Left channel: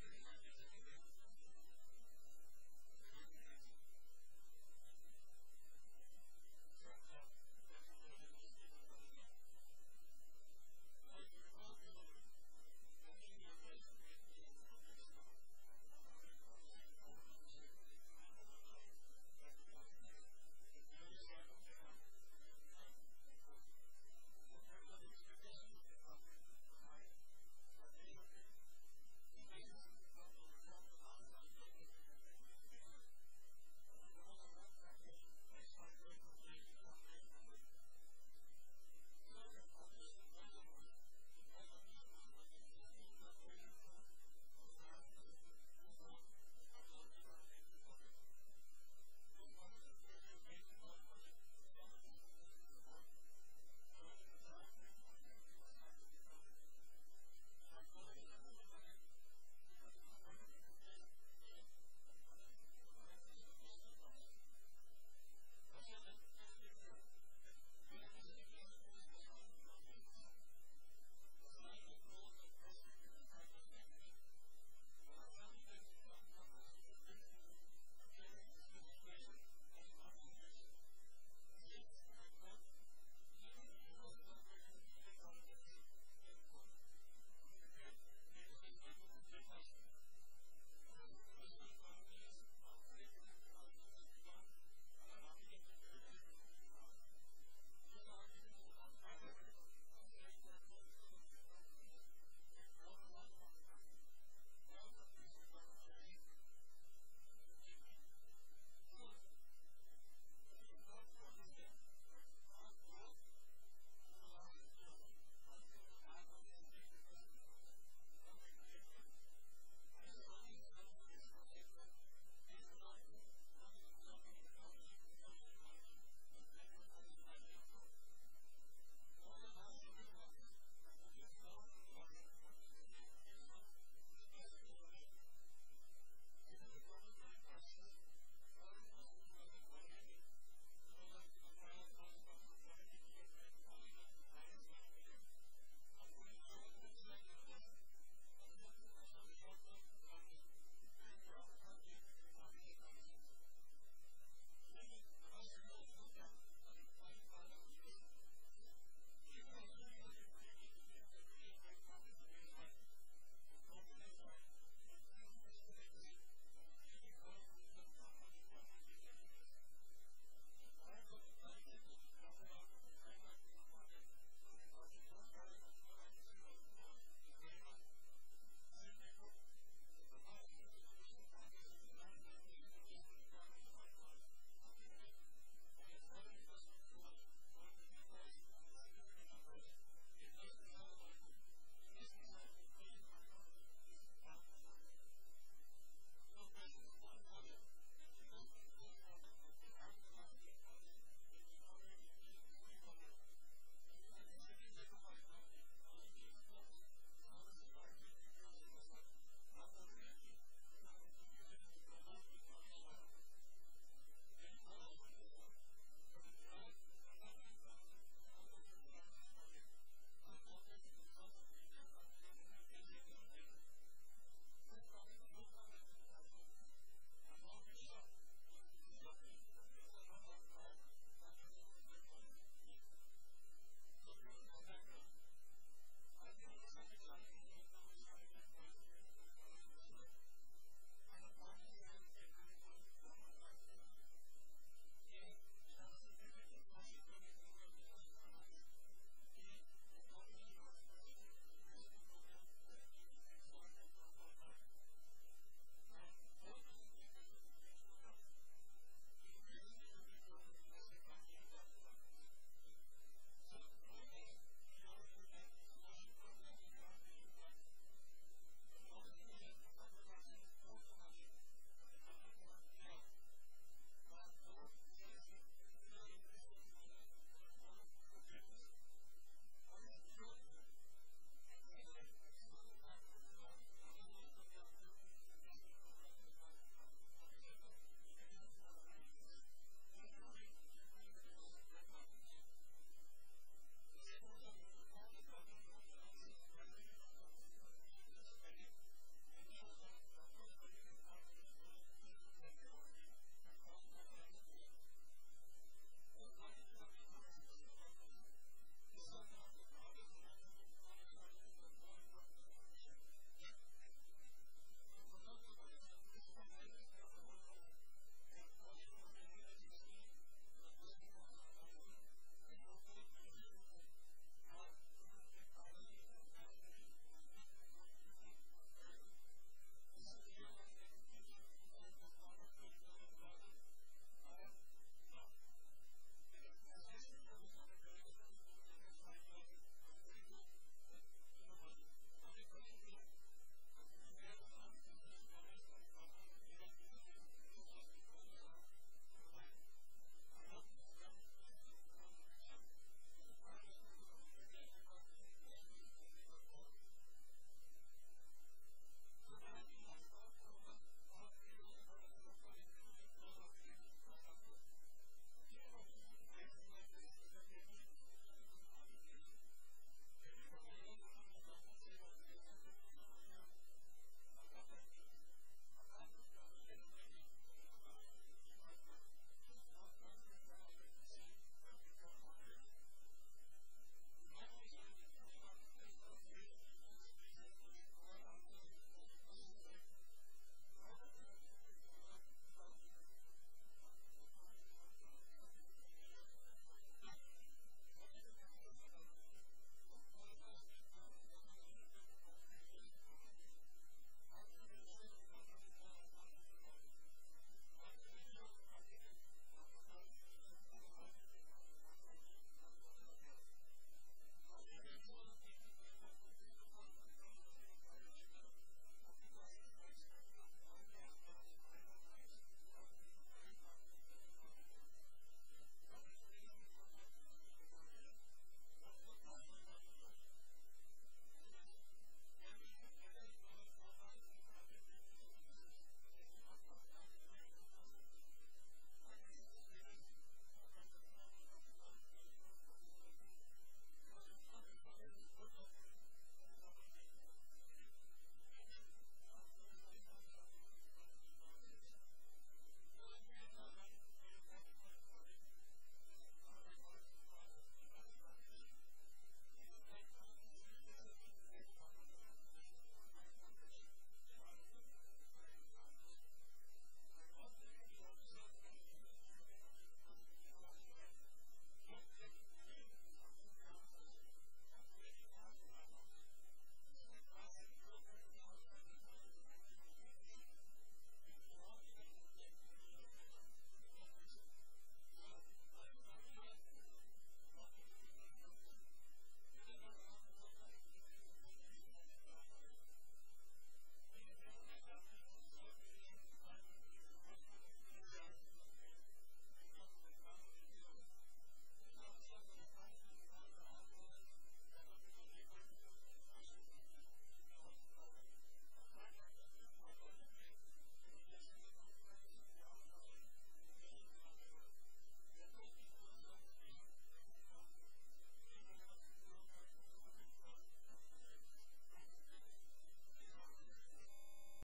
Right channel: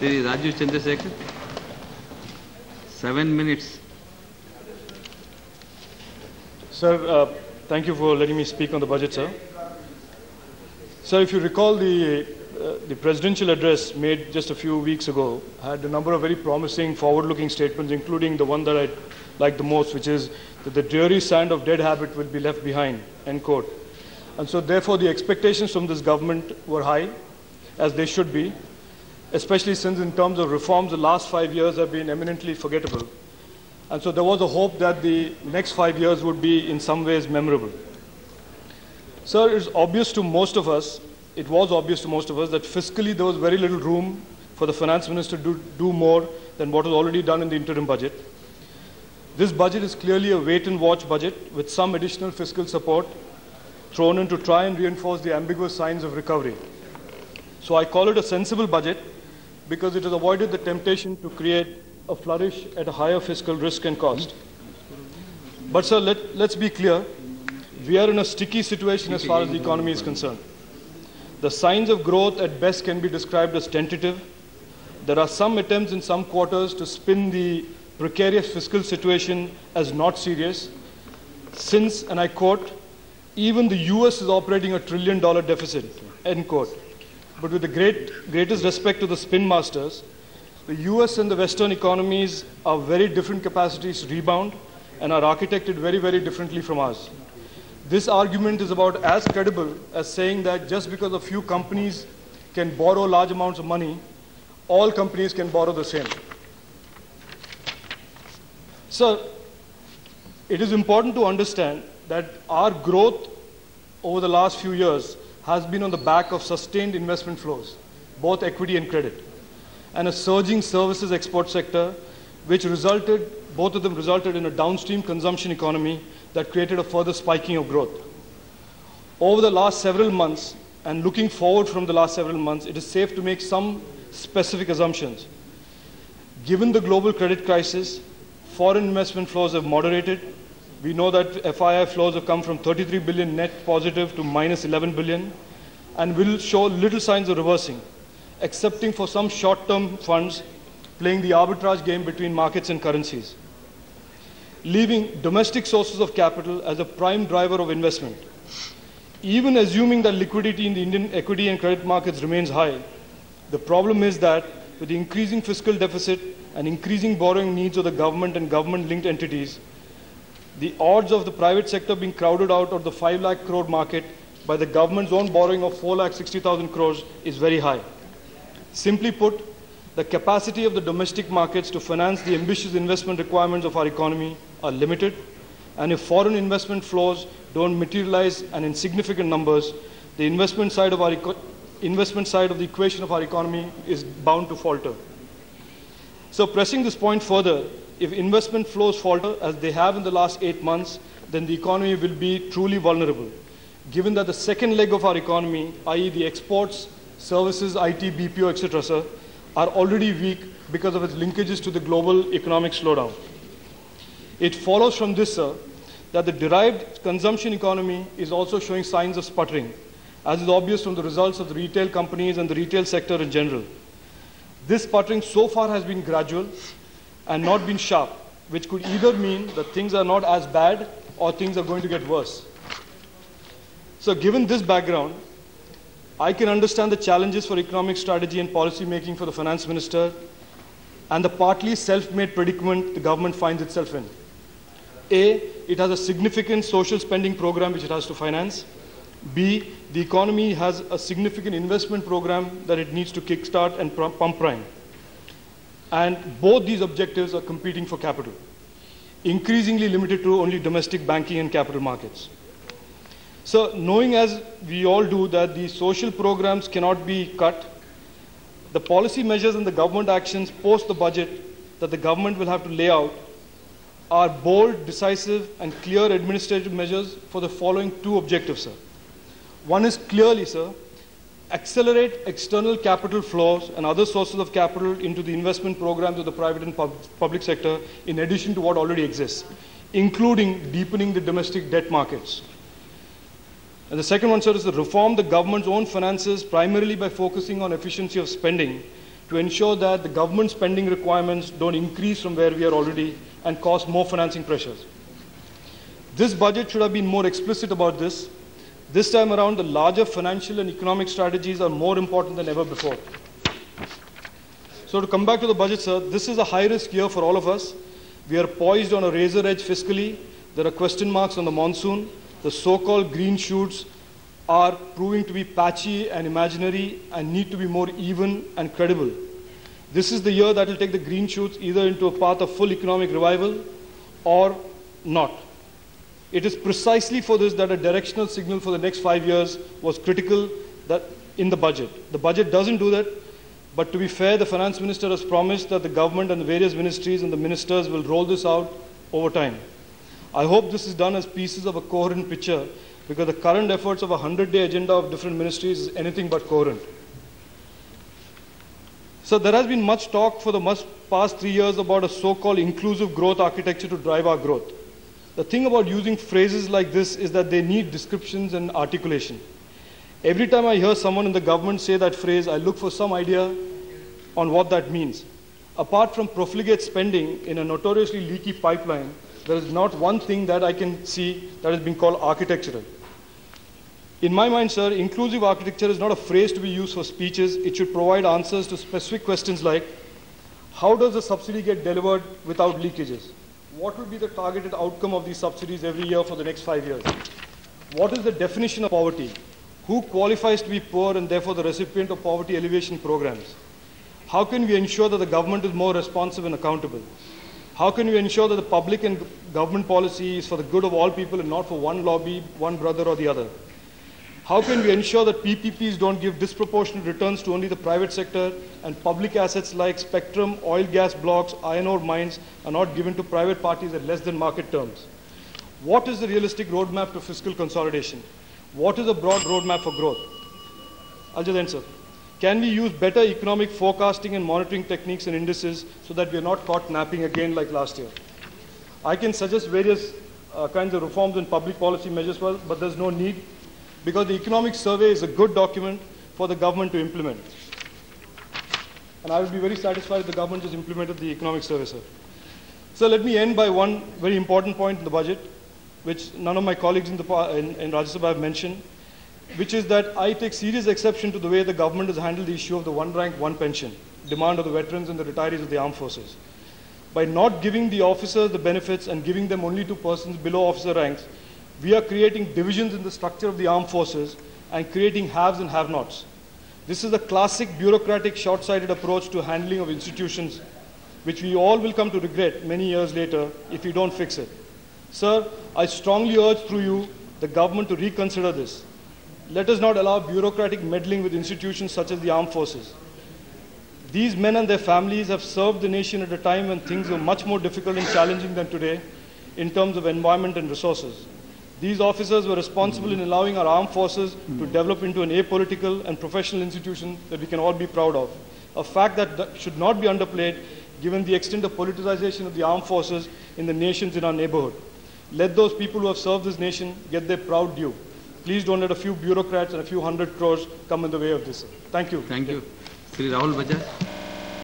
Sri Rajeev Chandrasekhar, 7 minutes. Sir, thank you for letting me speak on the budget, sir. Sir, if you recall the presidential address made just a few weeks ago had a number of very promising forward-looking statements, including the one that I like the most, which is that the dreary sand of dead habit will be left behind, end quote. And so therefore the expectations from this government were high, as they should be, especially since in terms of reforms, the last 5 years have been eminently forgettable. And so there was a hope that the next 5 years would be in some ways memorable. Sir, it's obvious to most of us, it was obvious to most of us that fiscally there was very little room for the finance minister to do more than what was already done in the interim budget. This budget is clearly a wait-and-watch budget with some additional fiscal support thrown in to try and reinforce the ambiguous signs of recovery. So I call it a sensible budget because it has avoided the temptation to create a flourish at a higher fiscal risk and cost. But sir, let's be clear, we are in a sticky situation as far as the economy is concerned. The signs of growth at best can be described as tentative. There are some attempts in some quarters to spin the precarious fiscal situation as not serious, since, and I quote, even the US is operating a $1 trillion deficit, end quote. But with the greatest respect to the spin masters, the US and the Western economies are very different capacities to rebound and are architected very, very differently from ours. This argument is about as credible as saying that just because a few companies can borrow large amounts of money, all companies can borrow the same. So, it is important to understand that our growth over the last few years has been on the back of sustained investment flows, both equity and credit, and a surging services export sector, which both of them resulted in a downstream consumption economy that created a further spiking of growth. Over the last several months, and looking forward from the last several months, it is safe to make some specific assumptions. Given the global credit crisis, foreign investment flows have moderated. We know that FII flows have come from 33 billion net positive to minus 11 billion, and will show little signs of reversing, excepting for some short-term funds playing the arbitrage game between markets and currencies, leaving domestic sources of capital as a prime driver of investment. Even assuming that liquidity in the Indian equity and credit markets remains high, the problem is that with the increasing fiscal deficit and increasing borrowing needs of the government and government-linked entities, the odds of the private sector being crowded out of the 5 lakh crore market by the government's own borrowing of 4,60,000 crores is very high. Simply put, the capacity of the domestic markets to finance the ambitious investment requirements of our economy are limited, and if foreign investment flows don't materialize and in significant numbers, the investment side of the equation of our economy is bound to falter. So pressing this point further, if investment flows falter as they have in the last 8 months, then the economy will be truly vulnerable, given that the second leg of our economy, i.e. the exports, services, IT, BPO, etc., sir, are already weak because of its linkages to the global economic slowdown. It follows from this, sir, that the derived consumption economy is also showing signs of sputtering, as is obvious from the results of the retail companies and the retail sector in general. This sputtering so far has been gradual and not been sharp, which could either mean that things are not as bad or things are going to get worse. So given this background, I can understand the challenges for economic strategy and policy making for the finance minister and the partly self-made predicament the government finds itself in. A, it has a significant social spending program which it has to finance. B, the economy has a significant investment program that it needs to kickstart and pump prime. And both these objectives are competing for capital, increasingly limited to only domestic banking and capital markets. So knowing as we all do that the social programs cannot be cut, the policy measures and the government actions post the budget that the government will have to lay out are bold, decisive, and clear administrative measures for the following 2 objectives, sir. One is clearly, sir, accelerate external capital flows and other sources of capital into the investment programs of the private and public sector in addition to what already exists, including deepening the domestic debt markets. And the second one, sir, is to reform the government's own finances primarily by focusing on efficiency of spending to ensure that the government spending requirements don't increase from where we are already and cause more financing pressures. This budget should have been more explicit about this. This time around, the larger financial and economic strategies are more important than ever before. So to come back to the budget, sir, this is a high-risk year for all of us. We are poised on a razor edge fiscally. There are question marks on the monsoon. The so-called green shoots are proving to be patchy and imaginary and need to be more even and credible. This is the year that will take the green shoots either into a path of full economic revival or not. It is precisely for this that a directional signal for the next 5 years was critical in the budget. The budget doesn't do that, but to be fair, the finance minister has promised that the government and the various ministries and the ministers will roll this out over time. I hope this is done as pieces of a coherent picture, because the current efforts of a 100-day agenda of different ministries is anything but coherent. So there has been much talk for the past 3 years about a so-called inclusive growth architecture to drive our growth. The thing about using phrases like this is that they need descriptions and articulation. Every time I hear someone in the government say that phrase, I look for some idea on what that means. Apart from profligate spending in a notoriously leaky pipeline, there is not one thing that I can see that has been called architectural. In my mind, sir, inclusive architecture is not a phrase to be used for speeches. It should provide answers to specific questions like, how does the subsidy get delivered without leakages? What will be the targeted outcome of these subsidies every year for the next 5 years? What is the definition of poverty? Who qualifies to be poor and therefore the recipient of poverty alleviation programs? How can we ensure that the government is more responsive and accountable? How can we ensure that the public and government policy is for the good of all people and not for one lobby, one brother or the other? How can we ensure that PPPs don't give disproportionate returns to only the private sector and public assets like spectrum, oil gas blocks, iron ore mines are not given to private parties at less than market terms? What is the realistic roadmap to fiscal consolidation? What is a broad roadmap for growth? I'll just answer. Can we use better economic forecasting and monitoring techniques and indices so that we are not caught napping again like last year? I can suggest various kinds of reforms and public policy measures, but there's no need, because the economic survey is a good document for the government to implement. And I would be very satisfied if the government just implemented the economic survey, sir. So let me end by one very important point in the budget, which none of my colleagues in Rajya Sabha have mentioned, which is that I take serious exception to the way the government has handled the issue of the one rank, one pension, demand of the veterans and the retirees of the armed forces. By not giving the officers the benefits and giving them only to persons below officer ranks, we are creating divisions in the structure of the armed forces and creating haves and have-nots. This is a classic bureaucratic, short-sighted approach to handling of institutions, which we all will come to regret many years later if we don't fix it. Sir, I strongly urge through you the government to reconsider this. Let us not allow bureaucratic meddling with institutions such as the armed forces. These men and their families have served the nation at a time when things were much more difficult and challenging than today in terms of environment and resources. These officers were responsible in allowing our armed forces to develop into an apolitical and professional institution that we can all be proud of. A fact that should not be underplayed given the extent of politicization of the armed forces in the nations in our neighborhood. Let those people who have served this nation get their proud due. Please don't let a few bureaucrats and a few 100 crores come in the way of this. Thank you. Thank you. Sri Rahul Bajaj.